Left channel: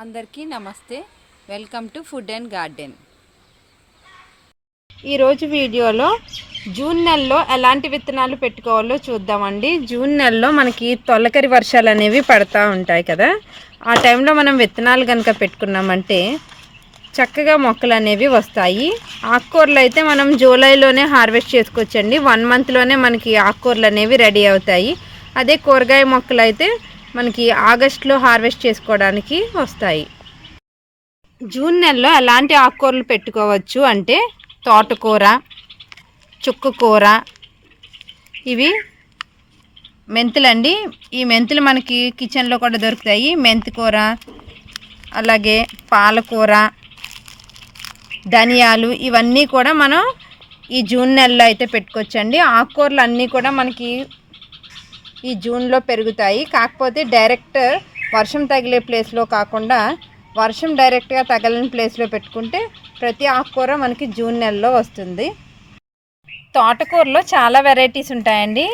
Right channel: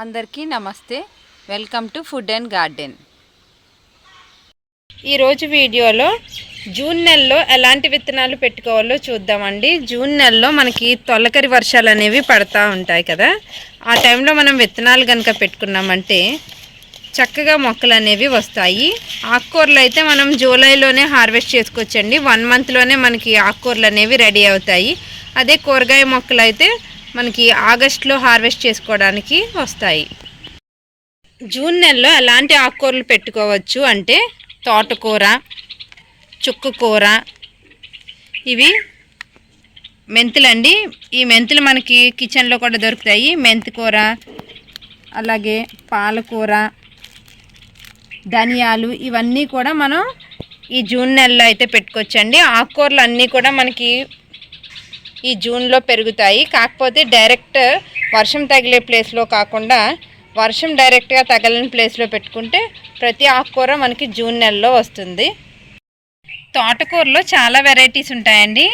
అందరికీ నమస్తే. Welcome to food and garden. ఈరోజు వీడియోలో జూన్ నెలలో ఎలాంటి విత్తనాలు పెట్టుకోవాలో చూద్దామండి. జూన్ నెలలో మనకి తొలకరి వర్షాలు అనేవి పడతా ఉంటాయి కదా. ఆ టైంలో మనం విత్తనాలు కనుక పెట్టుకున్నామంటే చక్కగా మొక్కలు అనేవి వస్తాయి. ఆకుకూరలు అయితే మనం జూలైలోనే హార్వెస్ట్ చేసుకోవచ్చండి. వన్ మంత్లోనే మనకి ఆకుకూరలు అనేవి రెడీ అవుతాయి. అదే కూరగాయ మొక్కలు అయితే మనకి ఆగస్ట్లో హార్వెస్ట్ చేసుకోవడానికి వస్తాయి. జూన్ నెలలో ఎలాంటి ఆకుకూరలు పెట్టుకోవచ్చు అంటే తోటకూర చుక్కకూర ఇవి మెంతులండి ఈ మెంతులు మనకి కిచెన్లో కూడా దొరుకుతాయి. మెంతికూర అలాగే పాలకూర ధనియాలు ఇవన్నీ కూడా మనం ఈ జూన్ నెలలో అయితే పెట్టుకోవచ్చండి. ఆకుకూరలు అన్నీ కూడా మనకి ఈ జూన్లో పెరుగుతాయి. కాకపోతే డైరెక్ట్ వర్షం తగిలే ప్లేస్లో కాకుండా వర్షం డైరెక్ట్గా తగలని ప్లేస్లో పెట్టుకుంటే ప్రతి ఆకుకూర మనకి జూన్ నెలలో వస్తుంది. తోటకూరలో చాలా వెరైటీస్ ఉంటాయండి.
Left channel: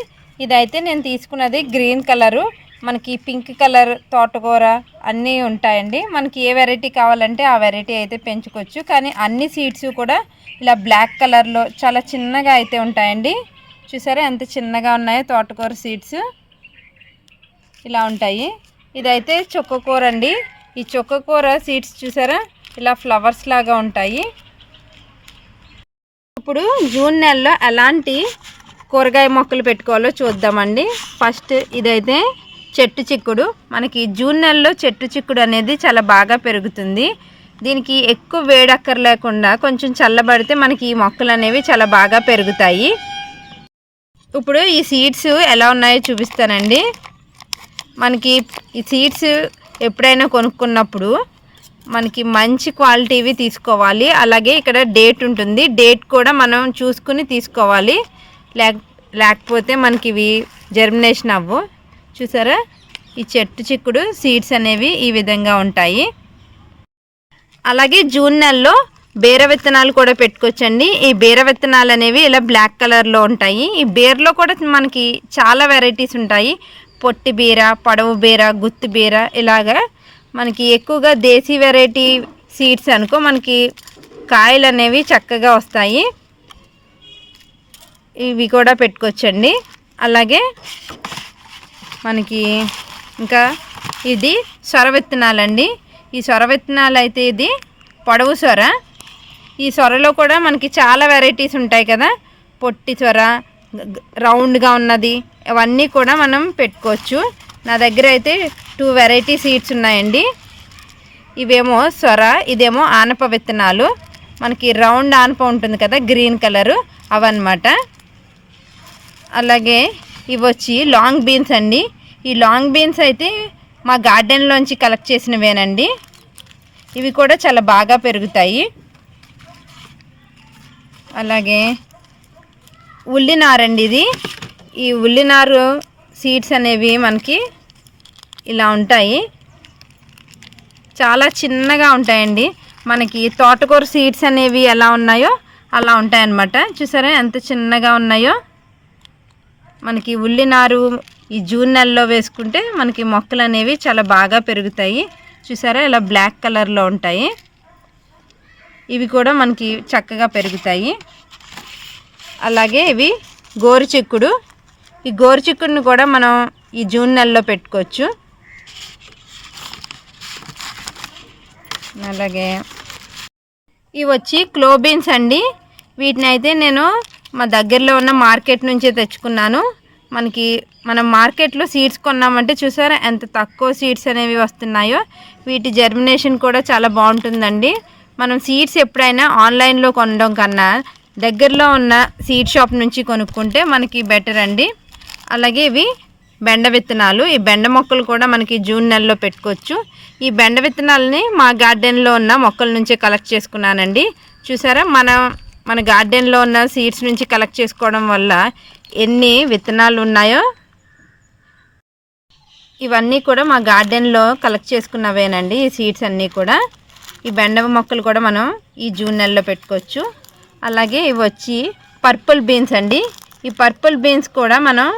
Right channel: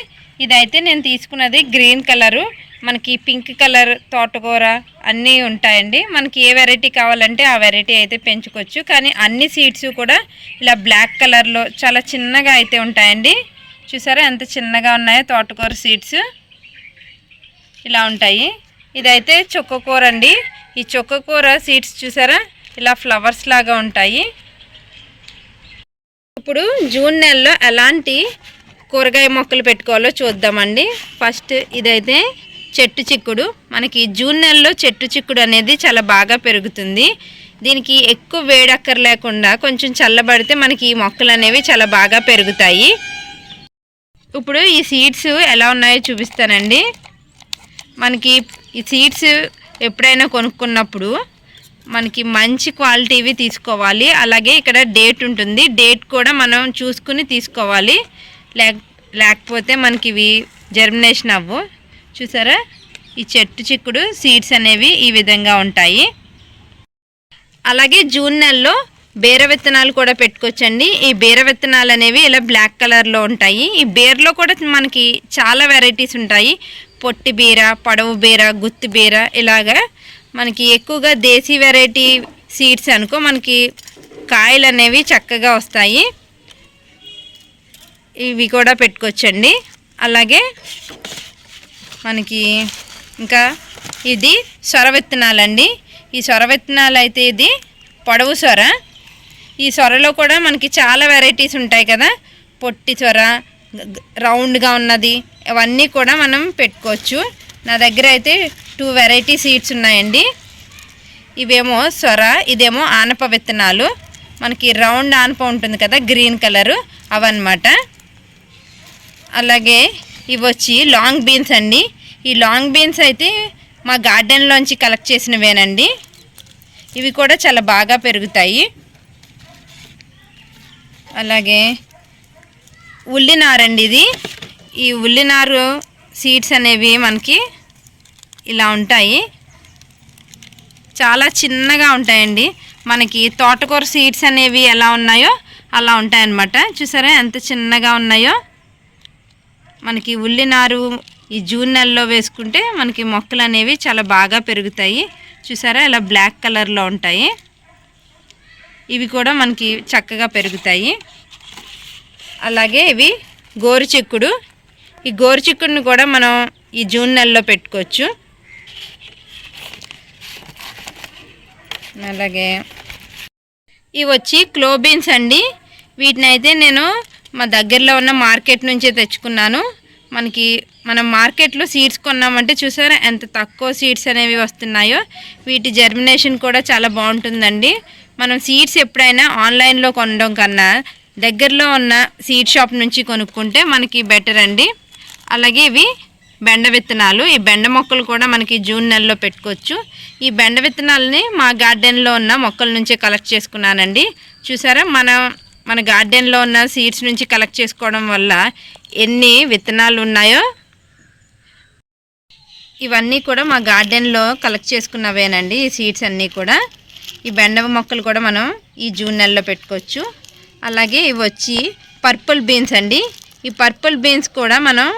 ఇదైతే నేను తీసుకున్నది గ్రీన్ కలరు. మనకి పింక్ కలర్ తోటకూర అన్నీ ఉంటాయండి. మనకి ఏ వెరైటీ కావాలంటే ఆ వెరైటీ అయితే పెంచుకోవచ్చు. కానీ అన్ని సీడ్స్ కూడా ఇలా బ్లాక్ కలర్లో చాలా చిన్నగా అయితే ఉంటాయండి. చూసారా ఎంత చిన్నగా ఉన్నాయో తోటకూర సీడ్స్. ఇలా ఉంటాయి. ఇదైతే చుక్కకూర అండి. ఈ చుక్కకూర సీడ్స్ చూసారా? ఇలా ఫ్లవర్స్ లాగా ఉంటాయి. ఇప్పుడు జూన్ నెలలో ఎలాంటి కూరగాయ మొక్కలు పెట్టుకోవాలో చూద్దామండి. ఫస్ట్ ఇదైతే చెట్టు చిక్కుడు. మనకి జూన్ నెలలో చెట్టు చిక్కుడు అనేది చాలా బాగా పెరుగుతుంది. దీనికి ఎక్కువ వేడక్కర లేకుండా కొంచెం చల్లబడితే మనకి ఈ మొక్కలు అనేవి చాలా బాగా పెరుగుతాయి. ఇప్పుడు ఈ సీడ్స్ ఎలా ఉన్నాయో చూపిస్తానండి. మనకి ఈ సీడ్స్ ఎప్పుడైనా కొనుక్కున్నప్పుడు మనకి మంచి క్వాలిటీవి తీసుకోవాలి. అలాగే ఇక్కడ డేట్ ఉంటుంది. డేట్ కూడా మనం చూసుకుని తీసుకోవాలి. లేక లేకపోతే మనకి ఇవి జర్మినేషన్ అవ్వు. చూసారా? ఈ చెట్టు చిక్కుడు సీడ్స్ అనేవి ఈ విధంగా ఉంటాయి. అలాగే జూన్ నెలలో బీర విత్తనాలు కూడా పెట్టుకోవచ్చండి. ఈ బీర విత్తనాలు అనేవి ఇలా బ్లాక్ కలర్లో ఉంటాయి. ఈ బీరలో కూడా మనకి చాలా వెరైటీస్ ఉంటాయి. పొట్టి బీర పడవు బీర గుత్తి బీర ఇలాగా మనకి ఎక్కువగా దేశీ వెరైటీ సీడ్స్ అనుకో మనకి కాయలు అనేవి చక్కగా వస్తాయి. ఇవి కూడా పెట్టుకోవచ్చండి. అలాగే మనకి ఇంకా ఇది సొర విత్తనాలండి. ఈ సొర విత్తనాలు అయితే ఇది పొడవు సొర. ఈ సొరలో కూడా మనకి చాలా వెరైటీస్ ఉంటాయి కదా. పొట్టి సొర రౌండ్గా ఉన్నది అవన్నీ కూడా మనం పెట్టుకోవచ్చు. నా దగ్గర అయితే టూ వెరైటీ సీడ్స్ ఉన్నాయండి. ఇవేమో సొర ఇదేమో ఆనప విత్తనాలు. మనకి రౌండ్ ఆనప ఉంటుంది కదా గ్రీన్ కలరు అవన్నమాట. అలాగే ఇవి వచ్చి లాంగ్ బీన్స్ అండి. ఈ లాంగ్ బీన్స్ అయితే మా గార్డెన్లోంచి కలెక్ట్ చేసినవేనండి. ఇవి కూడా చాలా బాగా పెరుగుతాయి. అలాగే ఉల్లినారండి ఇది. ఈ ఉల్లినారు సీడ్స్ అనేవి మనకి ఇలా ఉంటాయి. చాలా చిన్నగా ఉంటాయండి. మనకి తోటకూర సీడ్స్ అనేవి ఎలా ఉన్నాయో అలా ఉంటాయన్నమాట. చూసారా ఎంత చిన్నగా ఉన్నాయో? మనకి ఉల్లినారు ఈ జూన్ నెలలో వేసుకుంటే మనకి మొక్కలు అనేవి చాలా బాగా పెరుగుతాయి. చూసారా ఇలా బ్లాక్ కలర్లో ఉంటాయి. ఇవి కూడా మనకి చక్కగా పెరుగుతాయి. అలాగే ఇవి గోరుచిక్కుడు ఈ గోరుచిక్కుడిని కూడా మనం ఈ జూన్ నెలలో పెట్టుకోవచ్చు. అలాగే ఇవి వచ్చి క్లోబీన్స్ అండి. వీటిని అయితే నేను మా దగ్గరలో ఉన్న మార్కెట్ నుంచే తెచ్చుకున్నాను. మనకి మనం మార్కెట్లో సీడ్స్ కొన్నామంటే చూసారా ఎంత తక్కువ సీడ్స్ అనేవి వస్తున్నాయో. వీటి జర్మినేషన్ కూడా చాలా బాగుంటుందండి. మనం సీడ్స్ ఎప్పుడైనా ఆన్లైన్లో కొనడం కన్నా దగ్గరలో ఉన్న సీడ్ షాప్ నుంచి కొనుక్కుంటే మనకి బెటర్ అండి. అలాగే ఇవి బెండ విత్తనాలు. ఈ బెండ మొక్కలు కూడా మనకి జూన్ నెలలో పెట్టుకోవచ్చు. ఈ బెండ విత్తనాలని మా గార్డెన్లో ఉన్న మొక్కల నుంచే కలెక్ట్ చేసుకున్నానండి. చూసారా? మన మన గార్డెన్లో ఉన్న సీడ్స్ నుంచి కలెక్ట్ చేసుకోవడం వల్ల ఎన్ని విత్తనాలు ఉన్నాయో ఇవన్నీ కూడా మా గార్డెన్లో కలెక్ట్ చేసుకున్నవేనండి ఈ సీడ్స్ అన్నీ కూడా. ఈ బెండ మొక్కలు కూడా మనం ఈ జూన్ నెలలో పెట్టుకోవచ్చు. అలాగే ఇవి వచ్చి పర్పుల్ బీన్స్ అండి. ఈ పర్పుల్ బీన్స్ కూడా మనం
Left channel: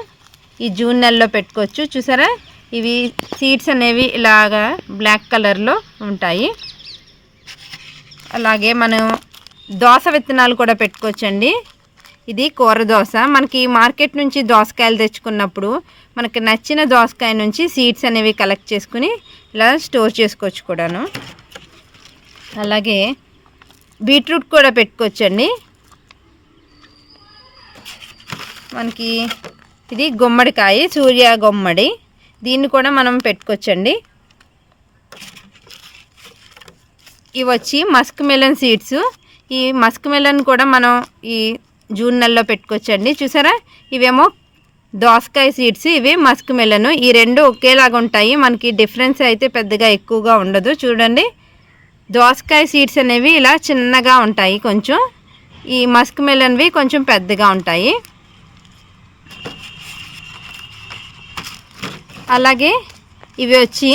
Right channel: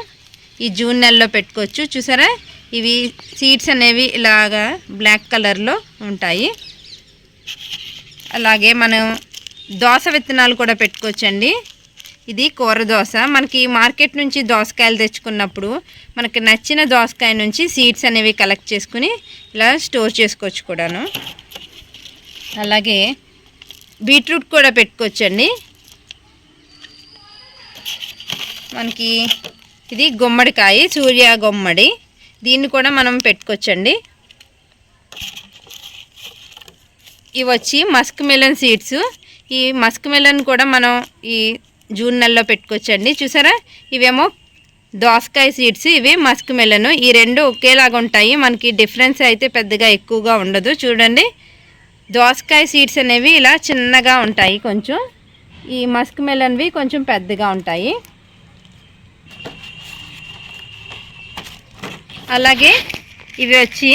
ఈ జూన్ నెలలో పెట్టుకోవచ్చు. చూసారా? ఇవి సీడ్స్ అనేవి ఇలాగా బ్లాక్ కలర్లో ఉంటాయి. అలాగే మనం దోస విత్తనాలు కూడా పెట్టుకోవచ్చండి. ఇది కూర దోస. మనకి మార్కెట్ నుంచి దోసకాయలు తెచ్చుకున్నప్పుడు మనకి నచ్చిన దోసకాయ నుంచి సీడ్స్ అనేవి కలెక్ట్ చేసుకుని ఇలా స్టోర్ చేసుకోవచ్చు కూడాను. అలాగే బీట్రూట్ కూడా పెట్టుకోవచ్చండి. మనకి ఇది గుమ్మడికాయ సూర్య గుమ్మడి. దీన్ని కూడా మనం పెట్టుకోవచ్చండి. ఇవి వచ్చి మస్క్ మెలన్ సీడ్స్. ఈ మస్క్ మెలన్ కూడా మనం ఈ జూన్ నెలలో పెట్టుకోవచ్చండి. చూసారా? ఇవేమో దోసకాయ సీడ్స్ ఇవి మస్క్ మెలను. ఈ రెండు ఒకేలాగా ఉంటాయి. మనకి డిఫరెన్స్ అయితే పెద్దగా ఎక్కువగా ఉండదు. చూడండి. దోసకాయ సీడ్స్ అనేవి ఇలా చిన్నగా ఉంటాయి కొంచెం. ఈ మస్క్ మెలన్వి కొంచెం పెద్దగా ఉంటాయి. అలాగే ఇవి వచ్చి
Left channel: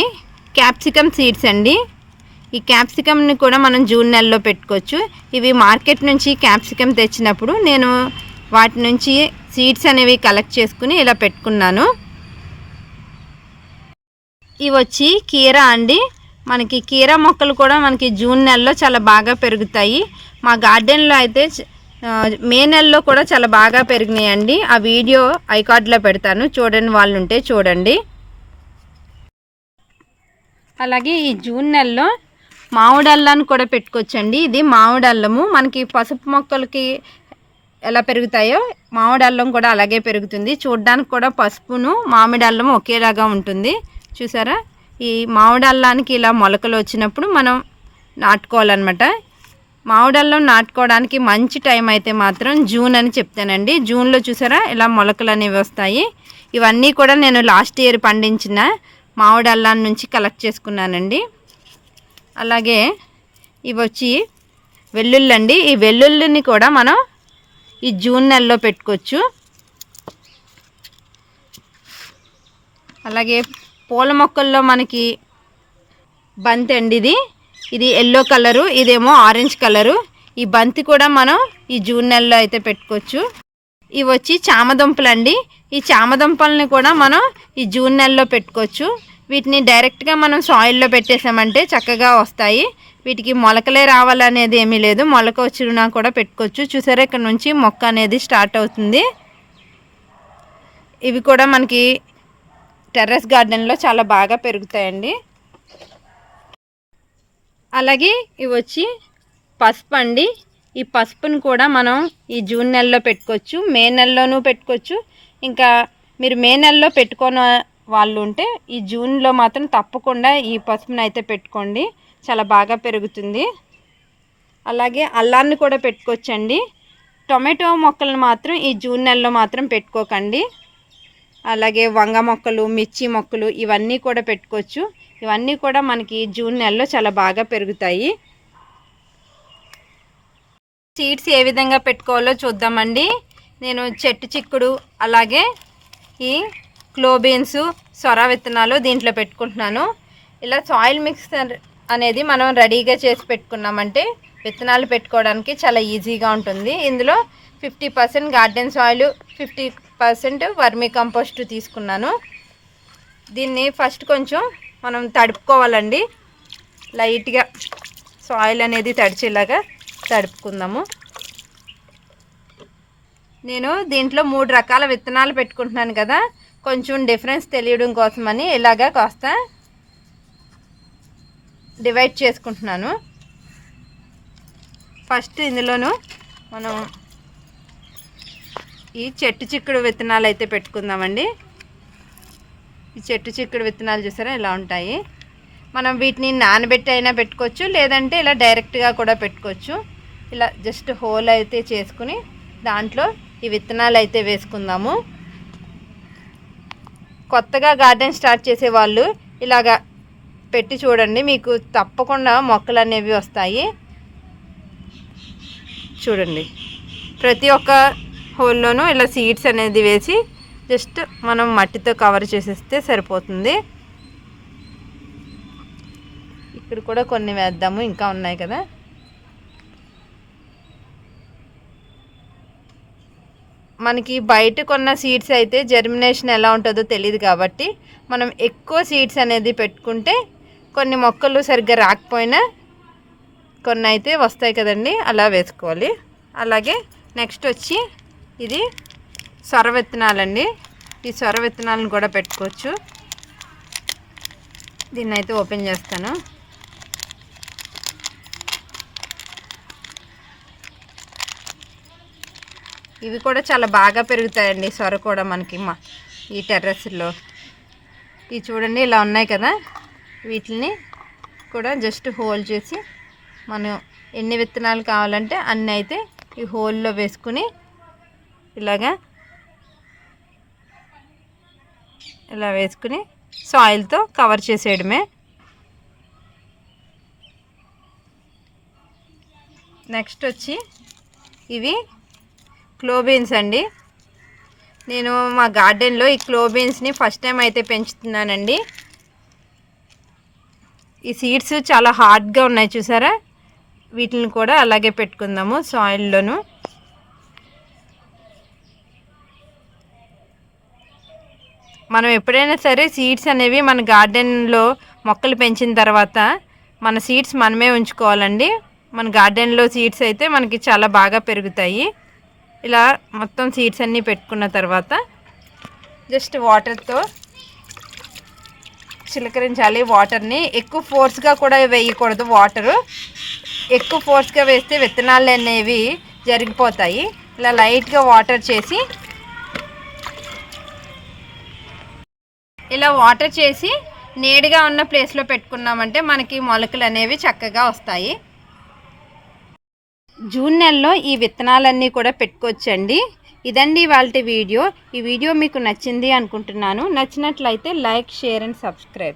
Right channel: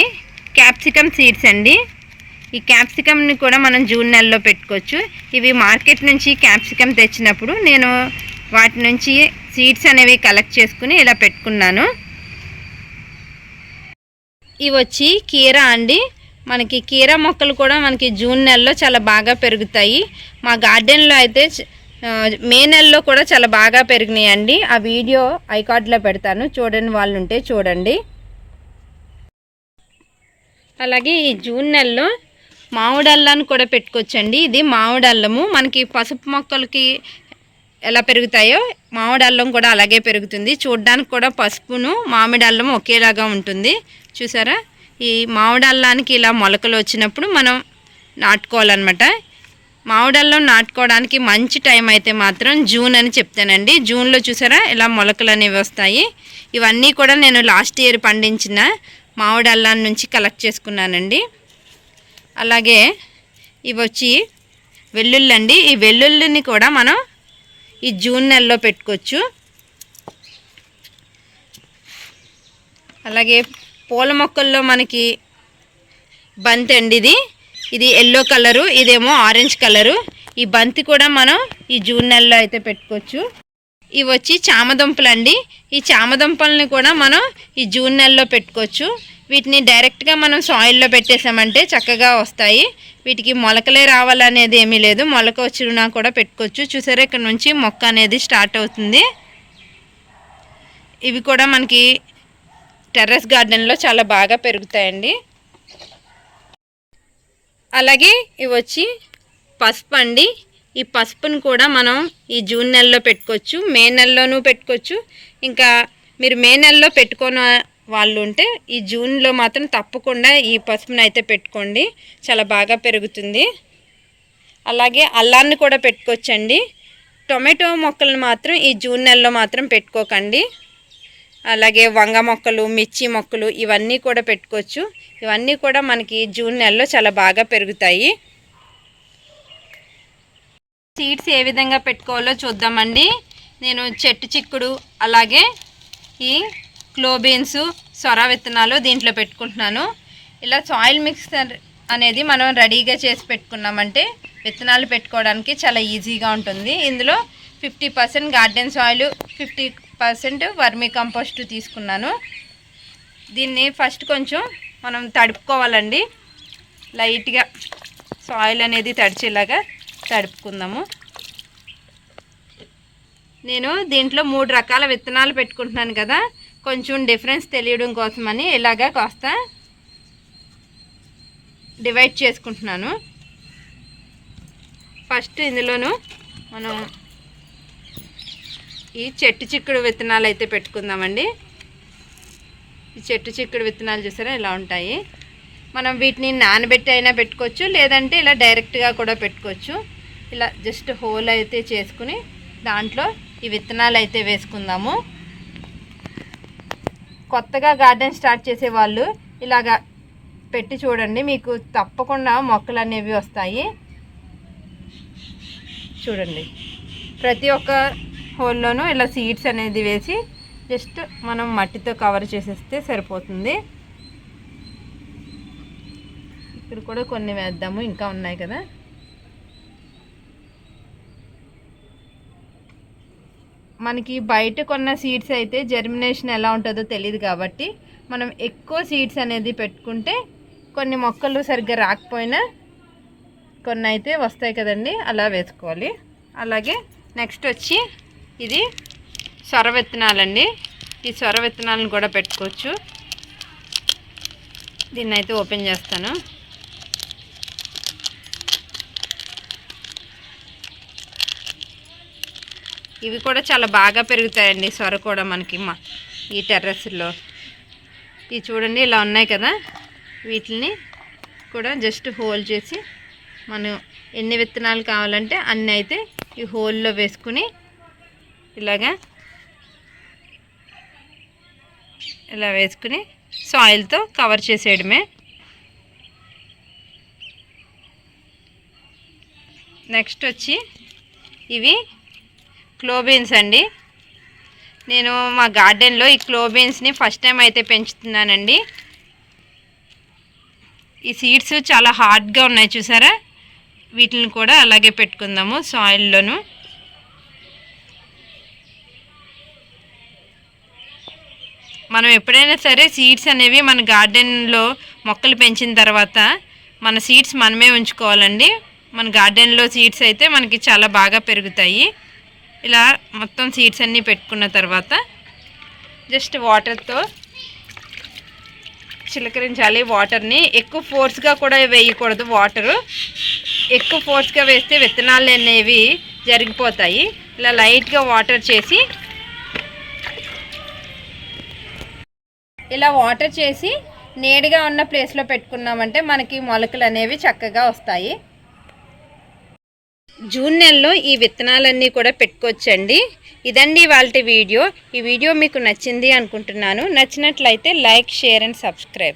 క్యాప్సికమ్ సీడ్స్ అండి. ఈ క్యాప్సికమ్ని కూడా మనం జూన్ నెలలో పెట్టుకోవచ్చు. ఇవి మార్కెట్ నుంచి క్యాప్సికమ్ తెచ్చినప్పుడు నేను వాటి నుంచి సీడ్స్ అనేవి కలెక్ట్ చేసుకుని ఇలా పెట్టుకున్నాను. ఇవి వచ్చి కీరా అండి. మనకి కీరా మొక్కలు కూడా మనకి జూన్ నెలలో చాలా బాగా పెరుగుతాయి. మా గార్డెన్లో అయితే మే నెలలో కూడా చాలా బాగా పెరిగినాయండి. ఆ వీడియో ఐకార్డ్లో పెడతాను. చూడని వాళ్ళు ఉంటే చూడండి. అలాగే ఈ జూన్ నెలలో మామిడి అల్లాన్ని కూడా పెట్టుకోవచ్చండి. ఇది మామిడి అల్లము. మనకి పసుపు మొక్కలకి ఎలా పెరుగుతాయో మామిడి అల్లం కూడా అలాగే పెరుగుతుంది. చూడ్డానికి కూడా పసుపును మామిడి అల్లం ఒకేలాగా ఉంటుంది. చూసారా? ఈ మామిడి అల్లానికి ఇలా మొలకలు వచ్చినప్పుడు మనం నాటుకోవాలన్నమాట. మామిడల్లం నాటుకోవడానికి మంచి టైం అయితే మాత్రం జూన్ అని చెప్తానండి. జూన్లో చూసారా? ఇలా మొలకలు అనేవి వస్తాయి. ఇవన్నీ కూడా నేను లాస్ట్ ఇయర్ పండించిన మామిడి అల్లాన్ని నుంచి కలెక్ట్ చేసుకున్నానండి. అలాగే ఇవి వచ్చి వెల్లుల్లి అండి ఈ వెల్లుల్లిని కూడా మనం ఈ జూన్ నెలలో పెట్టుకోవచ్చు. అలాగే పూల మొక్కల్లో మనకి బంతి అండి ఇది. ఇది ఎల్లో కలరు ఇదేమో ఆరెంజ్ కలరు ఈ బంతి కూడా మనం ఈ జూన్ నెలలో అయితే పెట్టుకోవచ్చు. ఇవి వచ్చి చామదుంపలు అండి ఈ చామదుంపల్ని కూడా మనం ఈ జూన్ నెలలో పెట్టుకోవచ్చు. వీటిని డైరెక్ట్గా మనం సాయిల్లో పెట్టేసామంటే చక్కగా వస్తాయి. వీటికి మొలకలే రావాలనేది ఏమీ లేదు. మొలక వచ్చినా కూడా పెట్టుకోవచ్చు. చూసారా ఇక్కడ నుంచి మొక్క అనేది స్టార్ట్ అవుతుంది. ఇవి కూడా మనకి టెర్రస్ గార్డెన్లో చాలా బాగా పెరుగుతాయండి. అలాగే ఇవి వచ్చి పసుపు అండి. ఈ పసుపుని కూడా మనం ఈ జూన్ నెలలో పెట్టుకోవచ్చు మే నెలలోనూ పెట్టుకోవచ్చు. ఇంకా మీరు మే నెలలో పెట్టుకోని వాళ్ళు ఉంటే ఈ జూన్లో మాత్రం తప్పకుండా ఈ పసుపుని అయితే పెట్టుకోండి. చాలా బాగా పెరుగుతుంది. అలాగే అల్లాన్ని కూడా పెట్టుకోవచ్చండి. టొమాటో మొక్కలను మాత్రం ఈ జూన్ నెలలో మాత్రం పెట్టుకోకండి. అలాగే వంగ మొక్కలు మిర్చి మొక్కలు ఇవన్నీ కూడా పెట్టుకోవచ్చు. ఇవన్నీ కూడా మనకి జూన్ నెలలో చాలా బాగా పెరుగుతాయి. సీడ్స్ ఏ విధంగా పెట్టుకోవాలో చూద్దామండి. నేను చెట్టు చిక్కుడు అలాగే ఈ క్లోబీన్స్ సొర విత్తనాలు దీంట్లో పెట్టుకుంటున్నాను. ఇలా సాయిల్ మిక్సర్ అనేది మనం రెడీగా చేసి పెట్టుకున్నామంటే విత్తనాలు పెట్టుకోవడానికి చాలా ఈజీగా ఉంటుంది. ఇందులో fifty percent garden soil fifty percent vermicompost తీసుకున్నాను. దీన్ని ఫస్ట్ కొంచెం మనం తడుపుకోవాలండి. లైట్గా సాయిల్ అనేది తడిచేలాగా తడుపుకుందాము నేను దీంట్లో మూడు రకాల విత్తనాలు పెట్టుకుంటున్నాను కదా. కొంచెం డిఫరెన్స్ తెలియడం కోసమని ఇలాగా కాస్త డివైడ్ చేసుకుంటున్నాను. ఫస్ట్ ఇందులోను మనం ఈ చెట్టు చిక్కుడు విత్తనాలు అయితే పెట్టుకుందామండి. ఈ చెట్టు చిక్కుడు విత్తనాలు చూసారా ఇలా ఉంటాయి. మనం వీటిని నానబెట్టి అయినా పెట్టుకోవచ్చు లేదంటే ఇలా డైరెక్ట్గా కూడా పెట్టుకోవచ్చు. ఇలా జస్ట్ హోల్ అయితే చేసుకుని దాంట్లో ఈ విత్తనాలు అయితే వేసుకుందాము. కొత్తగా గార్డెన్ స్టార్ట్ చేసే వాళ్ళు ఇలాగా పెట్టి చూడండి. మీకు తప్పకుండా మొక్కలు అనేవి వస్తాయి. చూడండి. ప్రతి ఒక్క హోల్లోనూ ఇలా సీడ్స్ అనేది వేసి జస్ట్ మనం మట్టితో కవర్ చేసేస్తే సరిపోతుంది. ఇక్కడ కూడా కొన్ని వేద్దాము. ఇంకా ఉన్నాయి కదా. మనకి బయట కొన్న సీడ్స్ అయితే జర్మినేషన్ ఎలా ఉంటుందో తెలియదు కాబట్టి మనం ఎక్కువ సీడ్స్ అనేది పెట్టుకుంటే కొన్ని మొక్కలు సరిగ్గా రాకపోయినా కొన్ని అయితే వస్తాయి కదండి అలా వేసుకోవాలి. అలాగే నెక్స్ట్ వచ్చి ఇది సొర విత్తనాలండి. ఈ సొర విత్తనాలను కూడా పెట్టుకోవచ్చు. దీన్ని అయితే ఓపెన్ చేస్తాను. ఇవి కూడా చాలా బాగా పెరుగుతాయండి సొర కూడా మనకి మా ఈ టెర్రస్లో. ఇవి చూడండి ఇలా ఉన్నాయి కదా. వీటిని కూడా జస్ట్ హోల్ చేసి మనం ఎన్ని విత్తనాలు కావాలంటే అన్నీ అయితే ఈ హోల్లో వేసుకుని ఇలాగా ఇలా వేసుకుని సాయిల్తో కవర్ చేసేయడమే. నెక్స్ట్ వచ్చి ఇవి క్లోబీన్స్ అండి. నేను మా గార్డెన్లో ఈ క్లోబీన్స్ని ఫస్ట్ టైం అయితే పెంచుతున్నానండి. ఈ సీడ్స్ చాలా హార్డ్గా ఉన్నాయి చూసారా? వీటిని కూడా అలాగే పెట్టుకుందాము సాయిల్లోను. మనం ఎప్పుడైనా సరే సీడ్స్ అనేవి మన గార్డెన్లో మొక్కలు పెంచిన తర్వాత మన సీడ్స్ మనమే ఉంచుకోవాలండి. మన గార్డెన్లో సీడ్స్ అయితే మనకి చాలా బాగా పెరుగుతాయి. ఇలా మొత్తం సీడ్స్ అన్నీ పెట్టుకున్న తర్వాత జస్ట్ వాటర్తో చిలకరించాలి వాటర్ని ఎక్కువ ఫోర్స్గా కూడా వేయకూడదు వాటరు ఎక్కువ ఫోర్స్గా వేస్తే విత్తనాలు అనేవి జరిగిపోతాయి. ఇలా లైట్గా వాటర్ చేసి ఇలా వాటర్ చేసి నేడుగా ఉన్న ప్లేస్లో పెట్టుకున్నామంటే మనకి మొలకలు అనేవి చక్కగా వస్తాయి. జూన్ నెలలో ఈ విత్తనాలన్నీ కూడా పెట్టుకోవచ్చండి. ఇదండి వాళ్ళ వీడియో. ఈ వీడియో మీకు నచ్చింది అనుకుంటున్నాను. నచ్చినట్లయితే లైక్ షేర్ అండ్ సబ్స్క్రైబ్.